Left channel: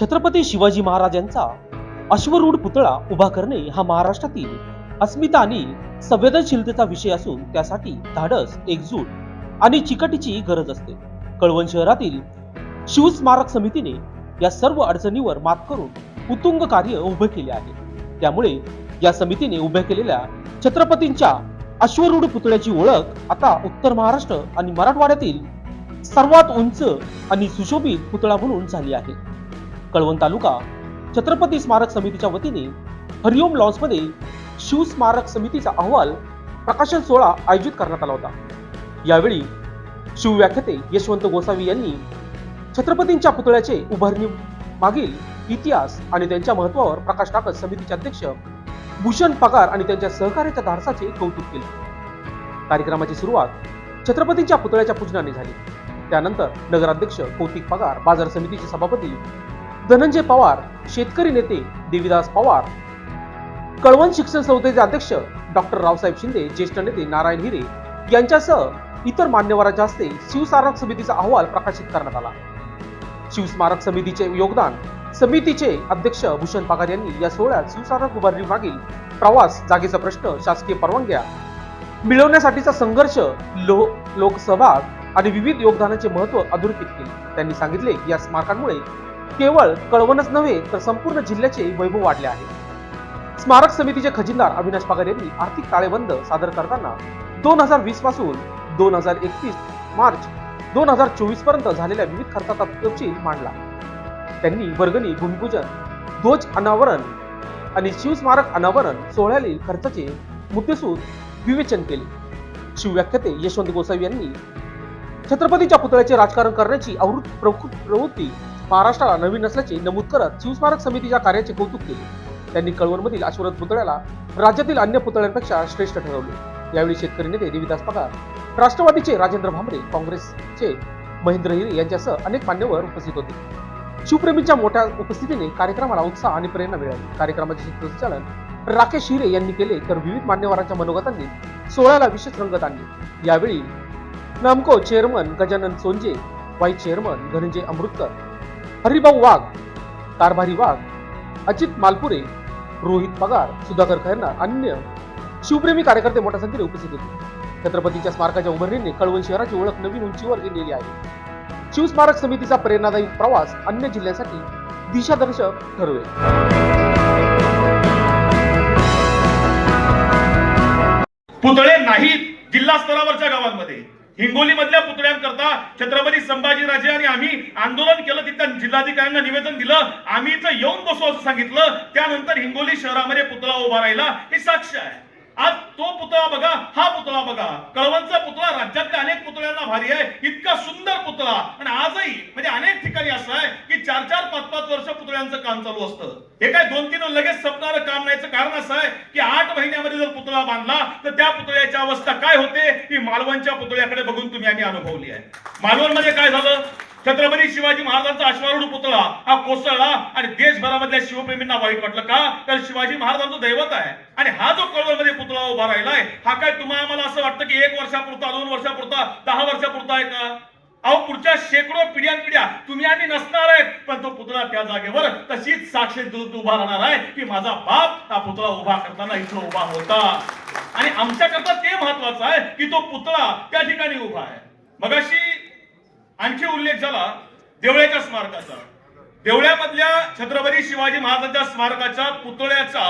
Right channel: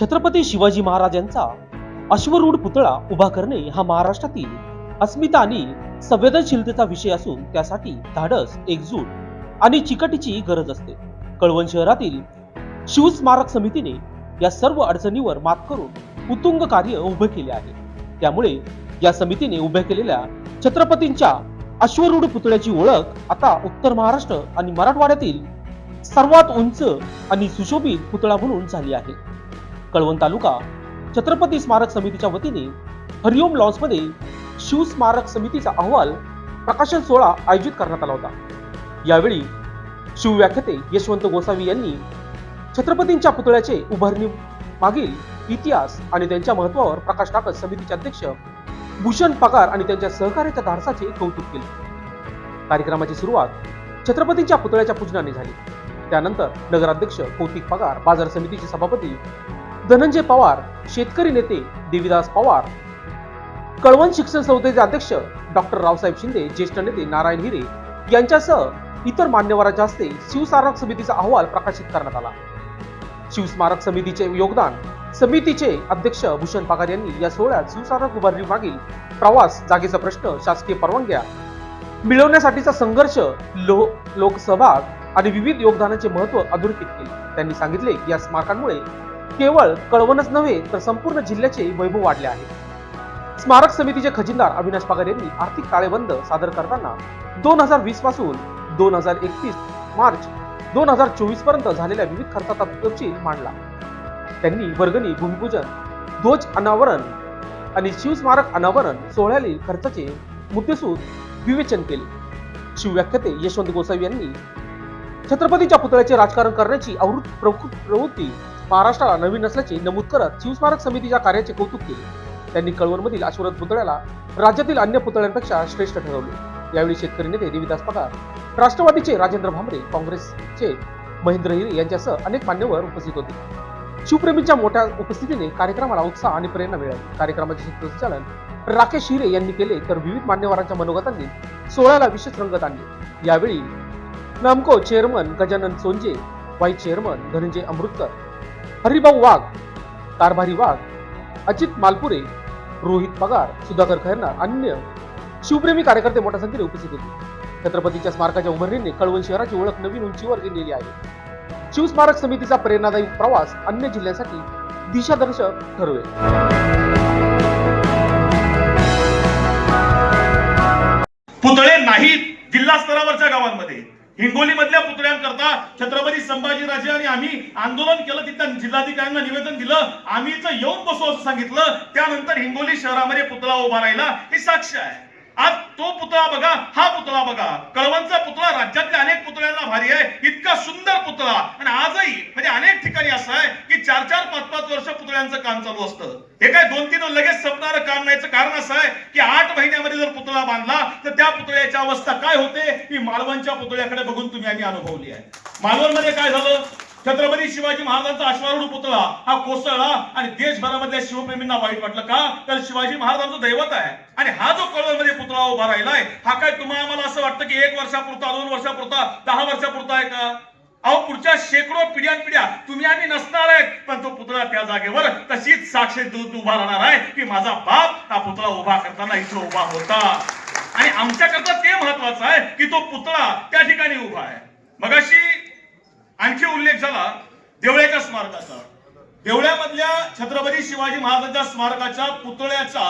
छत्रपती शिवाजी महाराजांचा अश्वरूढ पुतळा उभा करणे हा महाराष्ट्रातील अस्मिता आणि संवेदनशीलतेचा विषय असून त्यासाठी धाडस एकजूट आणि चिकटीची गरज असते. कळवण शहरातील शिवस्मारक समितीने या सर्व अडचणीवर मात करून उत्तुंग कार्य उभे केले आहे. त्यामुळे या समितीने उभ्या केलेल्या छत्रपतींच्या अश्वरूढ पुतळ्याची ओळख आता उत्तर महाराष्ट्र आणि मराठवाड्यातील सर्वात उंच आणि सुशोभित पुतळा म्हणून झाली आहे. कळवण तालुका छत्रपती स्मारक समितीच्या वतीने हरिओम लॉन्समध्ये शिवस्मारक समितीचा अहवाल प्रकाशन सोहळा आयोजित करण्यात आला होता. यावेळी शिवव्याख्याते यशवंत गोसावी यांनी छत्रपतींच्या पुतळ्याचे उभारणी मागील इतिहास आणि त्यांच्या महत्वावर प्रकाश टाकत समितीचे अध्यक्ष भूषण पगार आणि त्यांच्या सहकार्याच्या धाडसाचे कौतुक केले. कार्यक्रमाची सुरुवात छत्रपतींच्या पुतळ्याच्या पूजनाने झाली. त्यानंतर नगराध्यक्ष कौतिक पगार बाजार समितीचे सभापती धनंजय पवार शेतकरी नेते देविदास पवार. कळवण शिक्षण संस्थेचे अध्यक्ष डॉक्टर रावसाहेब शिंदे ज्येष्ठ नेते नारायण हिरे यांच्यासह इतर मान्यवरांच्या हस्ते शिवस्मारक समितीचा अहवाल प्रकाशित करण्यात आला. शिवस्मारक समितीचे योगदान समितीचे अध्यक्ष भूषण पागार यांनी या सोहळ्यात शिवस्मारक उभारणी मागील प्रवास जागेचा प्रश्न शासकीय परवानग्या मिळवण्यासाठीचा संघर्ष लो लोकसहभाग आणि विविध योगदानाचे महत्त्व अधोरेखित केले. त्यांनी सांगितले की या स्मारकांमुळे केवळ कळवणच नव्हे तर संपूर्ण जिल्ह्याचे वैभव वाढले आहे. स्मारक समितीचे खजिनदार अविनाश पागर यांनी आर्थिक ताळेबंद सादर करताना दोन हजार वीसपासून दोन हजार एकतीस मार्च दोन हजार चोवीसपर्यंत झालेल्या विविध खर्चाचा तपशील मांडला. त्यांनी वर्गणी भूमिपूजन ध्वज अनावरण आणि शिवस्मारक अनावरण सोहळ्यातील खर्चाचे मुद्देसूद विवेचन केले. शिवव्याख्याते यशवंत गोसावी यांनी छत्रपतीच्या पुतळ्याचे राजकारण करण्याची आवृत्त प्रवृत्ती महाराष्ट्राला नवीन नसल्याचे नमूद करत शिवस्मारक समितीच्या कार्याचे कौतुक केले. त्यांनी कळवणमधील अश्वरथ पुतळ्याला राज्यातील अन्य पुतळ्यांपेक्षा श्रेष्ठ ठरवले. यावेळी शेतकरी नेते देविदास पगार राष्ट्रवादीचे राजेंद्र भांबरे काँग्रेसचे महेंद्र हिरे यांच्यासह अनेक मान्यवर उपस्थित होते. शिवप्रेमींच्या मोठ्या उपस्थितीने कार्यक्रमाला उत्साह आणि प्रेरणा मिळाली. कार्यक्रमाचे सूत्रसंचालन राकेश हिरे यांनी केले तर विविध मान्यवरांच्या मनोगतांनी सोहळ्याला विशेष रंगत आणली. यावेळी Namco chairman Gajanan Sonje vice chairman Dhananjay Amrutkar Haribhau Wagh Karbhari Wagh Ajit Malpure Rohit Pagar Sudhakar Khairnar अन्य शिवप्रेमी कार्यकर्ते मोठ्या संख्येने उपस्थित होते. छत्रपतीच्या स्मारकाच्या उभारणीने कळवण शहराची ओळख नवीन उंचीवर गेलेली आहे. शिवस्मारक समितीचा प्रेरणादायी प्रवास अन्य जिल्ह्यासाठी दिशादर्शक ठरवेल. पुतळे नाहीत जिल्हा स्तरावरच्या गावांमध्ये. हिंगोली मधल्या पुतळ्यांकरता छत्रपती संभाजीराजे आणि आम्ही आंदोलन केलं तिथल्या जिल्हाधिकाऱ्यांना निवेदन दिलं आम्ही इथं येऊन बसू असं सांगितलं. त्यानंतर हिंगोली शहरामध्ये पुतळा उभा राहिला. ही साक्ष आहे. आज तो पुतळा बघा हा पुतळा बघा. कळवणचा पुतळा राज्यातल्या अनेक पुतळ्यांना भारी आहे. इतका सुंदर पुतळा. आणि आजही म्हणजे अनेक ठिकाणी असं आहे की चार चार पाच पाच वर्ष पुतळ्यांचं काम चालू असतं. हे काय दोन तीन लगेच संपणारं काम नाहीचं कारण असं आहे की आठ महिन्यामध्ये जर पुतळा बांधला तर त्या पुतळ्याची अवस्था काय होते ही मालवणच्या पुतळ्याकडे बघून तुम्ही आम्ही अनुभवली आहे. मालवणमध्ये काय झालं? छत्रपती शिवाजी महाराजांचा अश्वारूढ पुतळा हा कोसळला आणि देशभरामधल्या शिवप्रेमींना वाईट वाटलं का? तर शिवाजी महाराजांचं दैवत आहे. आणि हा जो कळवमध्ये पुतळा उभा राहिलाय हा काय तुम्हाला आम्हाला असं वाटतं की एक वर्षापुरता दोन वर्षापुरता दहा वर्षापुरता आहे का? अहो पुढच्या शेकडो पिढ्यान पिढ्या तुम्ही आम्ही नसणार आहेत पण तो पुतळा त्या जागेवर तशीच साक्षी दूध उभा राहणार आहे की माझा बाप हा पुतळा उभा करताना इथं उभा होता. आणि आमच्याकरता ते महत्वाचं आहे की तो पुतळा त्या ठिकाणी उभा आहे. मगाशी आणखी उल्लेख झाला देवळ्याच्या स्मारकाचा. देवळ्यामधल्या छत्रपती शिवाजी महाराजांच्या स्मारकाच्या पुतळ्याचा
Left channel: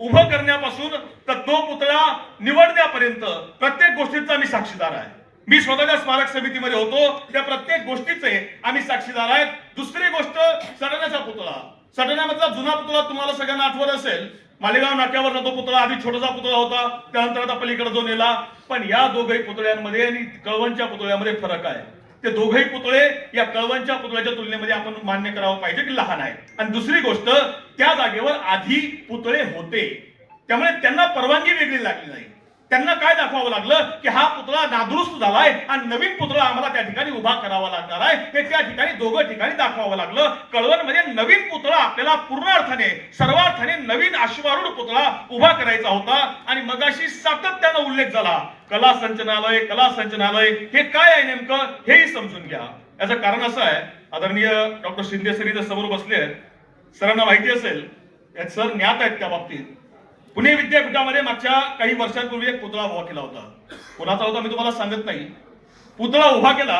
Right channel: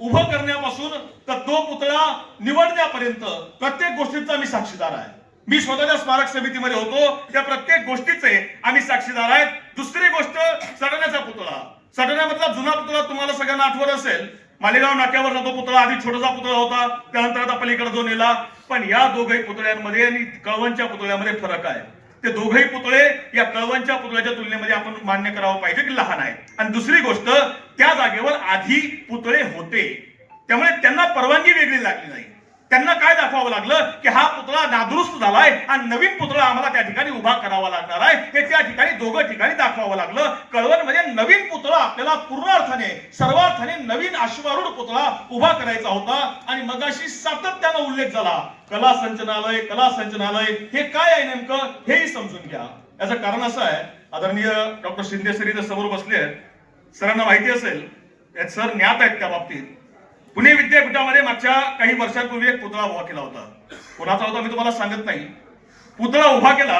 उभं करण्यापासून तर तो पुतळा निवडण्यापर्यंत प्रत्येक गोष्टीचा मी साक्षीदार आहे. मी स्वतःच्या स्मारक समितीमध्ये होतो त्या प्रत्येक गोष्टीचे आम्ही साक्षीदार आहेत. दुसरी गोष्ट सडण्याचा पुतळा. सडण्यामधला जुना पुतळा तुम्हाला सगळ्यांना आठवत असेल मालेगाव नाट्यावरचा तो पुतळा आधी छोटासा पुतळा होता त्यानंतर आता पलीकडे जो नेला. पण या दोघही पुतळ्यांमध्ये आणि कळवणच्या पुतळ्यामध्ये फरक आहे. ते दोघही पुतळे या कळवणच्या पुतळ्याच्या तुलनेमध्ये आपण मान्य करावं पाहिजे की लहान आहेत. आणि दुसरी गोष्ट त्या जागेवर आधी पुतळे होते. त्यामुळे त्यांना परवानगी वेगळी लागली नाही. त्यांना काय दाखवावं लागलं? की हा पुतळा नादुरुस्त झालाय आणि नवीन पुतळा आम्हाला त्या ठिकाणी उभा करावा लागणार आहे. हे त्या ठिकाणी दोघं ठिकाणी दाखवावं लागलं. कळवण म्हणजे नवीन पुतळा आपल्याला पूर्ण अर्थाने सर्वार्थाने नवीन अश्वारूढ पुतळा उभा करायचा होता. आणि मगाशी सातत्यानं उल्लेख झाला. कला संचनालय कला संचनालय हे काय आहे नेमकं? हेही समजून घ्या. याचं कारण असं आहे आदरणीय डॉक्टर शिंदे सर इथं समोर बसले आहेत सरांना माहिती असेल सर ज्ञात आहेत त्या बाबतीत. पुणे विद्यापीठामध्ये मागच्या काही वर्षांपूर्वी एक पुतळा उभा केला होता. कोणाचा होता मी तुम्हाला सांगत नाही. पुतळा उभा केला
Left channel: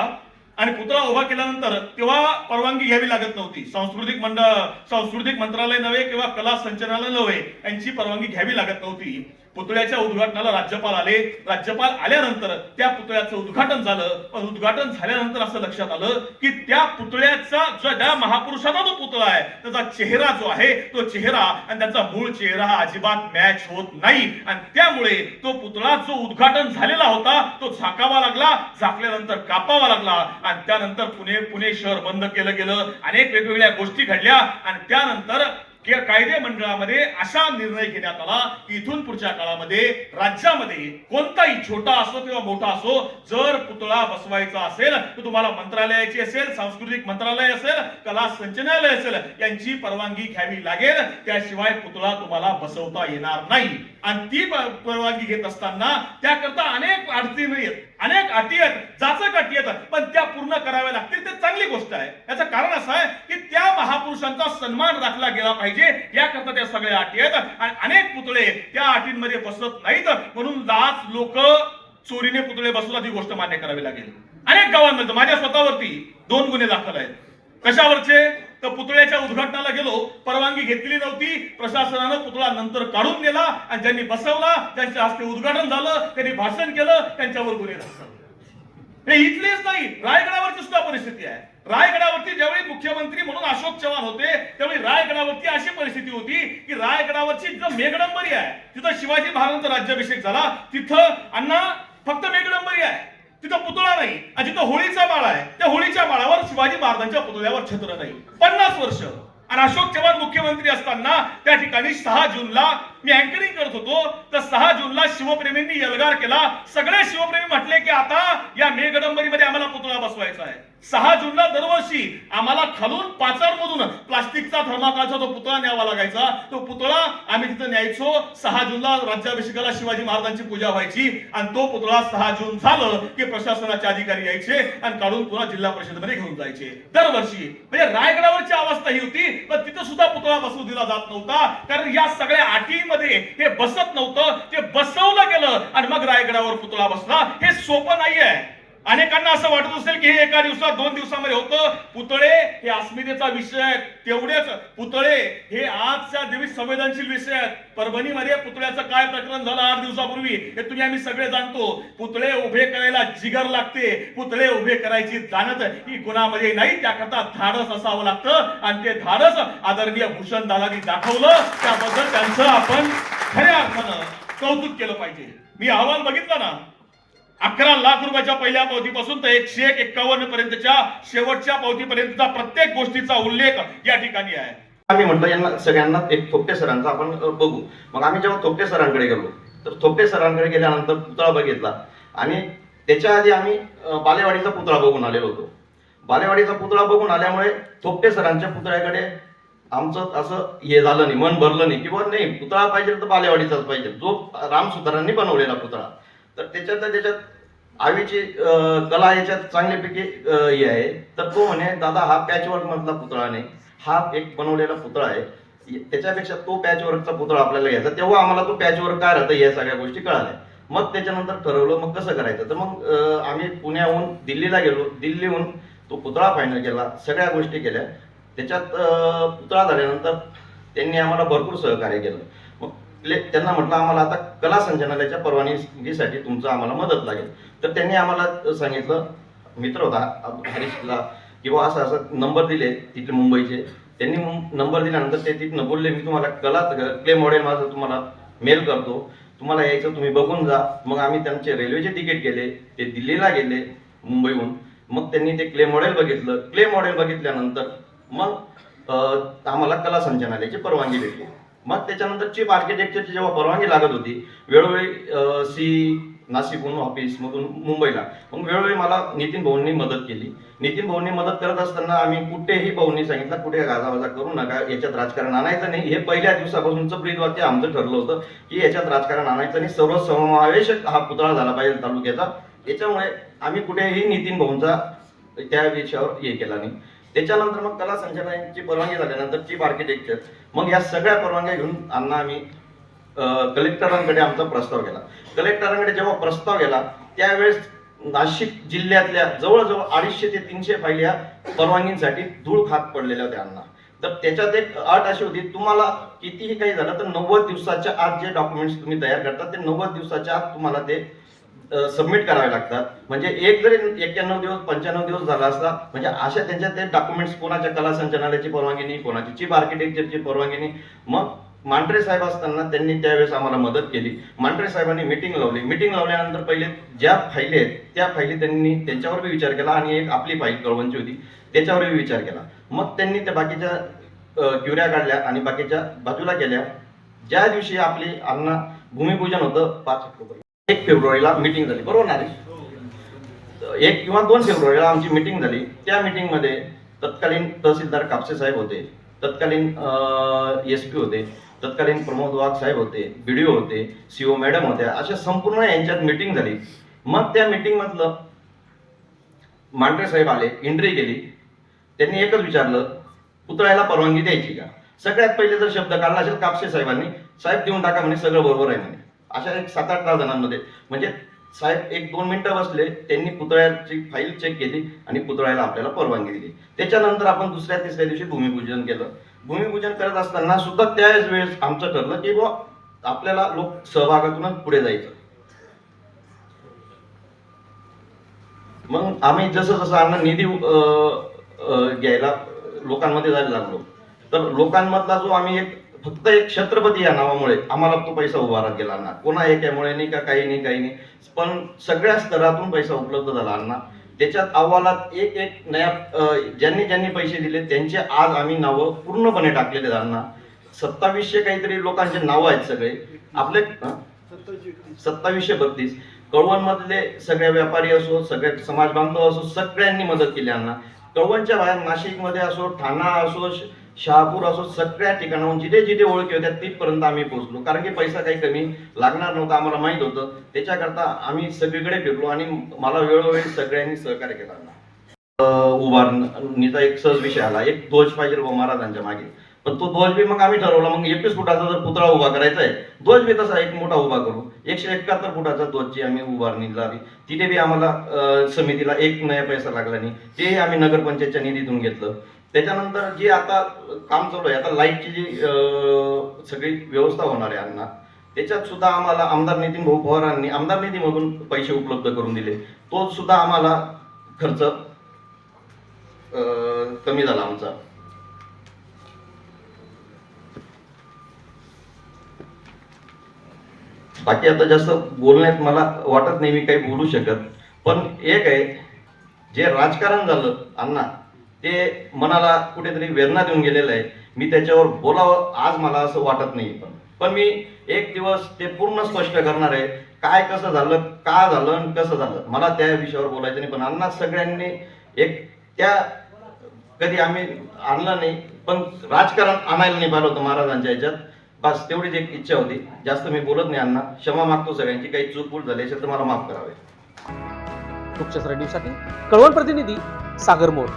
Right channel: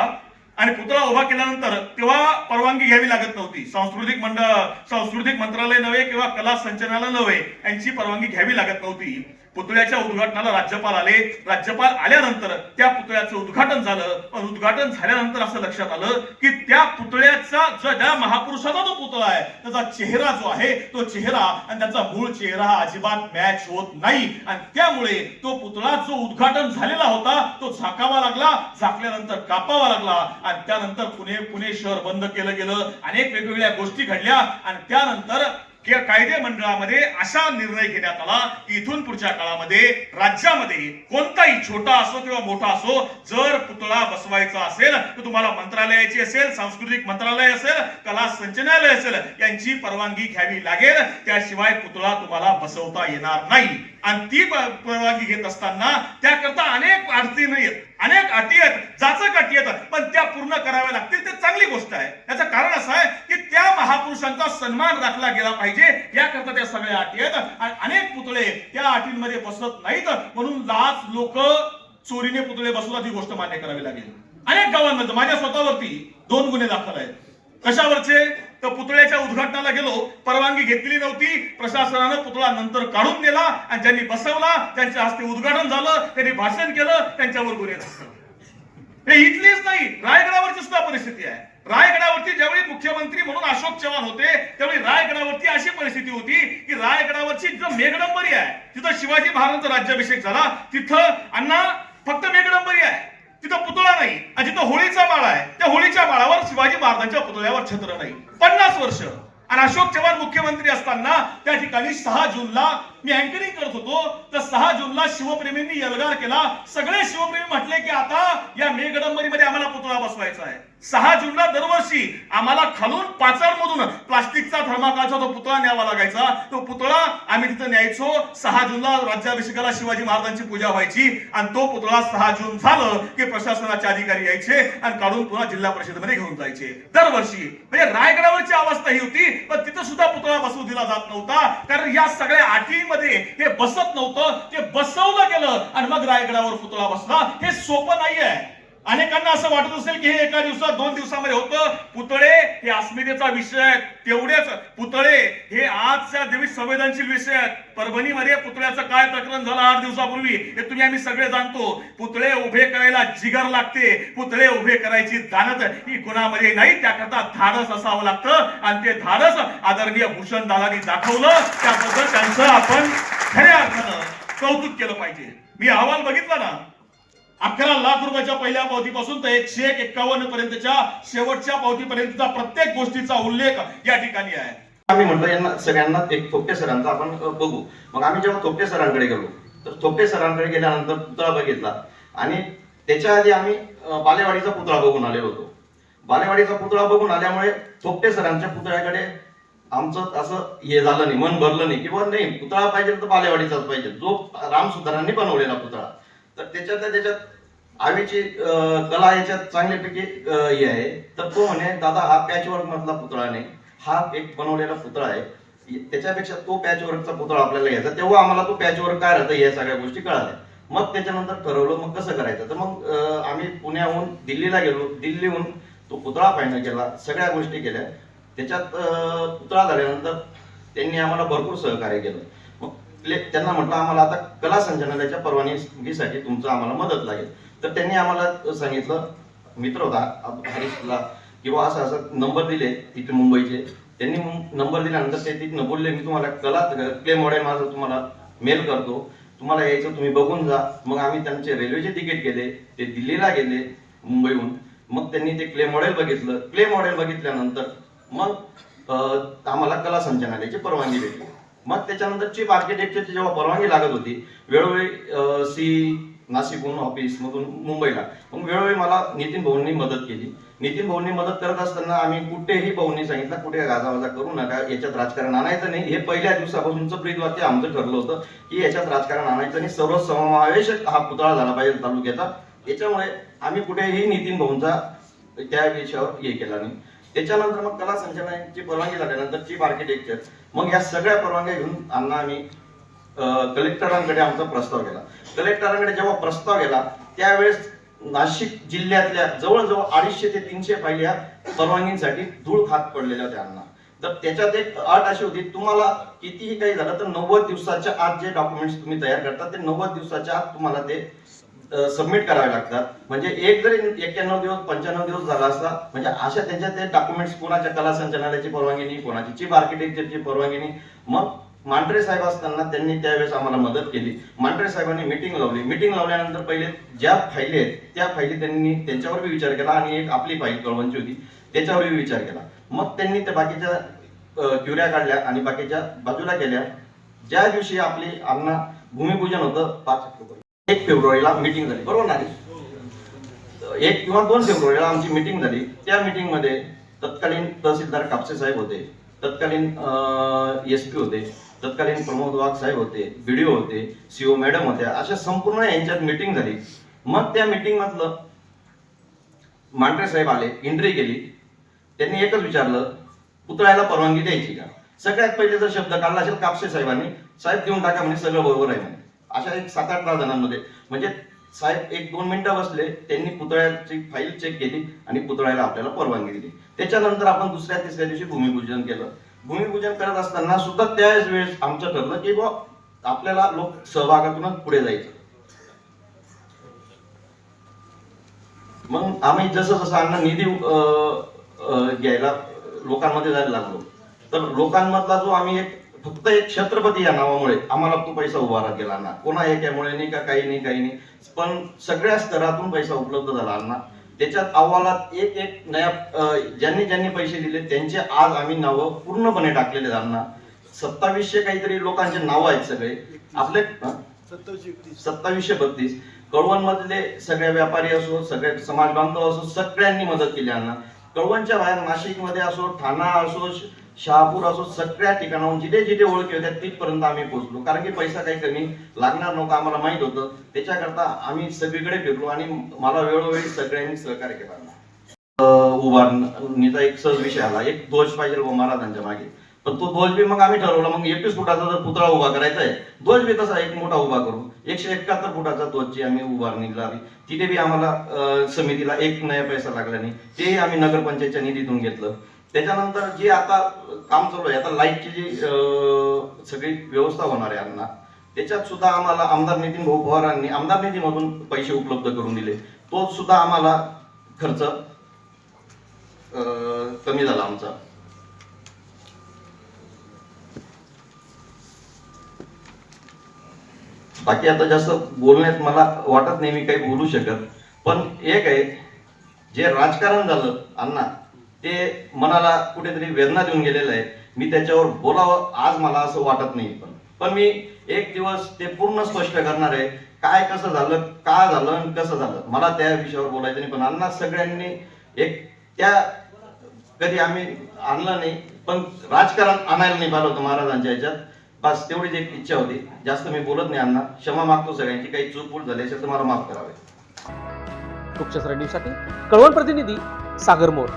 आणि पुतळा उभा केल्यानंतर तेव्हा परवानगी घ्यावी लागत नव्हती. सांस्कृतिक मंडळ सांस्कृतिक मंत्रालय नव्हे किंवा कला संचालनालय नव्हे यांची परवानगी घ्यावी लागत नव्हती. पुतळ्याच्या उद्घाटनाला राज्यपाल आले. राज्यपाल आल्यानंतर त्या पुतळ्याचं उद्घाटन झालं. पण उद्घाटन झाल्यानंतर असं लक्षात आलं की त्या पुतळ्याचा जो त्या महापुरुषाचा जो पुतळा आहे त्याचा चेहरा जो आहे तो चेहरा आणि त्याचा मूळ चेहरा हा अजिबात मॅच होत नाही. आणि त्यामुळे तो पुतळा जो उद्घाटन झालेला होता तो झाकावा लागला झाकल्यानंतर कापावा लागला. आणि त्यानंतर पुणे पुणे शहर बंद केलं गेलं. अनेक वेगवेगळ्या गोष्टी घडल्या. आणि त्यानंतर या कायदे मंडळामध्ये असा निर्णय घेण्यात आला की इथून पुढच्या काळामध्ये राज्यामध्ये कोणताही छोटा असो किंवा मोठा असो जर पुतळा बसवायचा असेल तर तुम्हाला मंत्रालयाची असेल सांस्कृतिक मंत्रालय असेल कला संचनालय असेल यांची परवानगी घ्यावी लागेल. त्याशिवाय पुतळा तुम्हाला बसवता येणार नाही. आणि ती परवानगी घेत असताना त्याकरता अनेक अडचणी येत. अनेक अटी आहेत जाचक अटी आहेत पण त्या पूर्ण कराव्या लागतील ते चांगली गोष्ट आहे. याचं कारण असं आहे की त्या महापुरुषांचा सन्मान राखला गेला पाहिजे याकरता त्या सगळ्या अटी आहेत आणि अनेक पुतळे त्या अटींमध्ये बसत नाहीत म्हणून लाच लोक चोरीने पुतळे बसवतात ही गोष्ट मान्य करावी लागेल. अनेक गावांमध्ये माझ्या स्वतःवरती दोन गुन्हे दाखल आहेत. कशावरचे? तर पुतळ्याच्या उद्घाटनाला गेलो. परवानगी घेतली नव्हती. प्रशासनानं पुतळा नंतर काढून नेला आणि ज्यांनी बसवला त्यांच्या हस्ते उद्घाटन झालं. त्यांनी भाषण केलं त्यांच्यावर गुन्हे हे इथलीच नाही रायगडावरची सुद्धा परिस्थिती आहे. रायगडावरती ज्यावेळी मुख्यमंत्री म्हणून अशोक चव्हाण होते त्यावेळी रायगडावरती अशी परिस्थिती होती की रायगडावरची जो मेघडंबरी आहे तिथं शिवाजी महाराजांचा राज्याभिषेक झाला. तिथं अण्णा फक्त मेघडंबरी आहे. तिथं पुतळा नाही. आणि जिथं होळीचा माळा आहे त्या होळीच्या माळावर शिवाजी महाराजांच्या पुतळ्यावर छत्र नाही. पन्नास वर्ष. आणि अशोक चव्हाण मुख्यमंत्री असताना त्या ठिकाणी सहा जूनला मी अँकरिंग करत होतो. तर सहा जूनला शिवप्रेमींनी यलगार केला. सगळे शिवप्रेमी म्हटले की आता या मेघडंबरीमध्ये आम्हाला पुतळा बसवायचा आहे. सहा जूनला दरवर्षी आम्हाला खालून पाचारमधून प्लास्टिकचा थर्माकालचा तो पुतळा न्यावा लागायचा तो पुतळा आम्ही तिथं न्यायचो. सहा जूनला राज्याभिषेकाला शिवाजी महाराजांची पूजा व्हायची आणि तो पुतळा सहा जून झालं की प्रशासनाचे अधिकारी यायचे आणि काढून पुन्हा जिल्हा परिषदेमध्ये घेऊन जायचे. दरवर्षी. म्हणजे रायगडावरची अवस्था ही होती पण तिथं सुद्धा पुतळा बसवू दिला जात नव्हता. कारण या सगळ्या अटीमध्ये हे बसत नव्हतं ते बसवलं गेलं आणि मग रायगडावर पुतळा बसला. हे सोपं नाहीये. अनेकांना असं वाटत असेल की हे एका दिवसात दोन दिवसामध्ये होतं. पुतळे हे अस्मितेचा विषय आहे तेवढेच पुतळे हे आजच्या दिवस संवेदनशील विषय आहेत. परभणीमध्ये पुतळ्याचं काय प्रकरण झालं आठ दिवसापूर्वी हे तुम्ही आम्ही सगळे जाणतो. पुतळे उभे करायला जिगर लागते. पुतळे उभे करायची जाणत ही कुणामध्ये नाही त्याकरता धाडस असावं लागतं. आणि ते धाडस आदरणीय भूषण दादांनी दाखवलं. त्याबद्दल त्यांचं आपण खऱ्या अर्थानं कौतुक केलं पाहिजे. मी अहवाल बघितला ना अकरा लाख रुपयाच्या पहिल्या पावतीपासून तर एकशे एक एक्कावन्न पर्यंतच्या शेवटच्या पावतीपर्यंतचा प्रत्येक गोष्टीचा उल्लेख या ठिकाणी आहे. आम्ही म्हटलं यांना सगळ्यांना एक थोपटे सरांचा आपण बघू. मग आम्ही जेव्हा थोपटे सरांकडे गेलो तर थोपटे सरांकडे गेल्यानंतर पुतळा बघितला. आणि त्याच्या आधी आम्ही बालेवाडीचा पुतळा बघून आलेलो होतो. बालेवाडीचा पुतळा बघून आल्यामुळे थोपटे सरांच्या पुतळ्याकडे आमचं असं हे झालं नाही मन भरलं नाही. किंवा नाही पुतळा पाहिजे तर बालेवाडीचाच पाहिजे. जो राम सुतारांनी बनवलेला पुतळा. तर त्याच्यात त्याच्यात आवीची कला याच्यात चांगल्यापैकी हे आहे. तर तो म्हणे दादा हा पॅचवर्क मधला पुतळा नाही. हा एक बनवलेला पुतळा आहे. त्याच्यापेक्षा तो पॅचवर्कचा पुतळा आपल्याला घ्यायचा. तेव्हा आम्हाला तो पॅचवर्क काय राहतं या सगळ्या गोष्टी कळाल्या. मग त्याच्यानंतर ठरवलं मग कसं करायचं? तर मग आम्ही पुण्याहून दिल्लीला गेलो. दिल्लीहून तो पुतळा फायनल केला. सगळ्या गोष्टी केल्या. त्याच्यात पुतळा झाल्यानंतर त्यांनी आम्हाला भरपूर सहकार्य केलं. त्यांना म्हटलं आम्हाला आता कला संचालनालयाच्या परवानगीसाठी तुमचं आम्हाला मदत लागेल. तर त्यांनी आम्हाला सांगितलं मित्र होता हरीशला किंवा असं असं नंबर दिले तिथे मुंबईचे. त्यांनी नंबर दिल्यानंतर ते तिथनं बोलले मी तुम्हाला कला क्ले मॉडेल माझं तुम्हाला मेल करतो. तुम्हाला यायचं तुम्ही बघून जा. मग आम्ही त्यांचे रेल्वेचे तिकीट केले ते दिल्लीला गेले मुंबईहून. मग त्यांनी ते क्ले मॉडेल बघितलं. क्ले मॉडेल बघितल्यानंतर मग आम्हाला कला संचालनालयाची परवानगी भेटली. मग त्याच्यानंतर चीफ आर्किटेक्चरची जेव्हा परवानगी लागत होती वेळोवेळी सी नाशिकहून ऑफिस मधून मुंबईला मग वेळोवेळी मला नितीन भाऊंनी मदत केली. नितीन भाऊंनी मदत करत असताना आम्ही कुठेही भाऊंनी सांगितलं कुठे गाजावाजा करू नका याच्यात राजकारण आणायचं नाही. हे पहिल्या दिवसापासूनचं ब्रीदवाक्य आमचं ठरलं होतं की याच्यात राजकारण आणायचं नाही. सर्व समावेशक हा पुतळा झाला पाहिजे तालुक्याचा. याच्यामुळे आम्ही कुठेही नितीन भाऊंचा त्या विषयावर हे केला नाही. त्याच्यानंतर मग कला संचालनाची परवानगी झाल्यानंतर चीफ आर्किटेक्चर मग या सगळ्या परवानग्या घेऊन अण्णा आम्ही कलेक्टरांकडे आमचा प्रस्ताव गेला कलेक्टरांकडे जेव्हा प्रस्ताव गेला त्यावेळेस नाशिक जिल्ह्यातल्या जवळजवळ अडीचशे ते तीनशे पहिल्या परवानगीसाठी परवानगींसाठी धूळ खात पडलेल्या होत्या अण्णा. तर त्याच्यात एक अट अशी होती तुम्हाला कितीही काही झालं तर नव्वद दिवसाच्या आत जे डॉक्युमेंट्स तुम्ही तयार करता ते नव्वद दिवसाच्या आत तुम्हाला ते सबमिट करावे लागतात. म्हणजे एक जरी एक्क्याण्णव दिवस पंच्याण्णव दिवस झाला असता म्हणजे अशा त्यांच्या ते डॉक्युमेंट्स कोणाच्या कला संचालनालयाची परवानगी नाही कोणाची चीफ आर्किटेक्चरची परवानगी नाही. मग मांढरे साहेब असताना त्यांनी त्यावेळेस आम्हाला मदत केली. मांढरे साहेबांनी मिटिंग लावली. मिटिंग लावल्यानंतर पहिले ज्या फायली आहेत त्या फाईली त्यांनी त्यांच्यावर बी विचार केला आणि एक आपली फाईल कळवणची होती. त्याच्यावर बी विचार केला. मग त्यांनी त्या बाकीच्या क्युऱ्या काढल्या आणि बाकीच्या बाजूला केल्या. ज्या दिवशी आपली अण्णा भूमिपूजन होतं पाच एक फेब्रुवारीला मिटिंग झाली. बरोबर ना एक किंवा दोन फेब्रुवारीला आमची मिटिंग झाली. त्या meeting मध्ये तत्कालीन तहसीलदार कापसे साहेब होते. तत्कालीन एस पी होते. तत्कालीन प्रमोद वाघ साहेब होते. बीडीओ होते. सीओ मॅडम होत्या. अशा संपूर्ण यांच्यात मिटिंग झाली. मग त्या मिटिंग मधलं मांढरे साहेब आले. एंट्री केली. त्यांनी एकच विचारलं पुतळ्याला परवानगी द्यायची का? सगळ्यात पहिले जर शब्द काढला असेल कापसे साहेबांनी साहेब देऊन टाका म्हणे सगळं बरोबर आहे म्हणे. अशा एक सात आठ दहा जणांमध्ये. म्हणजे साहेब एक दोन मिनिटं बसले त्यांनी पुतळ्याची फाईल चेक केली आणि पुतळ्याला आपल्याला परवानगी दिली. त्याच्यानंतर आपण दुसऱ्या तिसऱ्या दिवशी भूमिपूजन केलं. भूमिपूजन करत असताना सुद्धा त्याच वेळेस आमचं ठरलं की बुवा आपल्याला लोक सहभागातूनच पुढे जायचं. मग आम्ही जसं जसं आम्हाला निधी अं, घ्यायला लोकांमध्ये जायला लागलो. तर लोकांमधला जो आम्ही एक फक्त एक छत्रपती या नावामुळे आम्हाला तो पैसा उभारा गेला ना कोणा एकामुळे नाही का काही नाही काही नाही. पण सगळ्या स्तरातून पैसा उपलब्ध झाला अण्णा. त्याच्यात अहवालात एक एक नया ज्यांनी ज्यांनी पैसे दिले त्यांचे आज आम्ही नावं पूर्णपणे टाकलेले अण्णा. सत्तावीसशे काहीतरी लोकांचे नाव आहेत सगळे. आपले सत्तावीसशे बत्तीस. कळवण मधले सगळे व्यापारी असो सगळे समाज बांधव असो सगळ्यांनी मदत केली अण्णा. कळवणच्या बाहेर नाशिकमध्ये असो ठाणा असो शहापूर असो सगळ्या ठिकाणाहून जिथे जिथे ओळखी होत्या तिथपर्यंत आम्ही पोहोचलो. कारण की पैसा काही कमी लागणार नव्हता आम्हाला माहीत होतं. त्याच्याकरता आम्ही सगळीकडे फिरलो आणि मला वेळोवेळी सगळ्यांनी सहकार्य केला. उभारणीचा एक सहज विषय आला. एक ध्वज पाहिजे बुवा महाराजांच्या मागे. पण तो ध्वज बी मग आम्ही ठरवला. मग एकवीस फुटाचा जर पुतळा उभा करायचा आहे ध्वज बी तसा एक मोठा उभा करू. एकशे एकाहत्तर फुटाचा ध्वजची आम्ही उभारणी लावली तिथे बी आम्हाला समितीला एक नया पैसा लागला नाही. तेही आम्ही नगरपंचायतच्या निधीतून घेतलं. त्याच्यानंतर जे आता काम चालू आहे आता लाईटची जी सगळी व्यवस्था होणार आहे अण्णा त्याच्यात सुद्धा आम्हाला आमदार नितीन भाऊ पवारांनी आमदार निधीमधून पैसे उपलब्ध करून दिले. तो सुद्धा आम्हाला खर्च कमी झाला आमचा. बाकी आता जास्त बोलण्यात मला वाटत नाही मी काही बोलू शकत. पण एक आहे जे राजकारण झालं अण्णा ते मनाला कुठेतरी वेदना देऊन गेलेलं आहे मी त्याच्यावर बोलावं आज मला असं वाटत नाही. पण पण मी एक दिवस ते पूर्ण स्पष्ट करणार आहे काय कसं झालं का झालं आणि कसं झालं. मला त्या विषयावर बोलायचं नाही पण अण्णा सगळ्यांनी एक त्या कधी आम्ही आणलं नाही पण राजकारण आणायला नाही पाहिलं होतं महाराजांच्या ह्याच्यात. बस तेवढीच एक इच्छा होती. जास्त मी बोलत नाही अण्णा. क्षमा मागतो सगळ्यांची. काही चूक झाली असेल तर मला माफ करावे. मुख्य दिवसाठी कळवण प्रतिनिधी सागर मोर.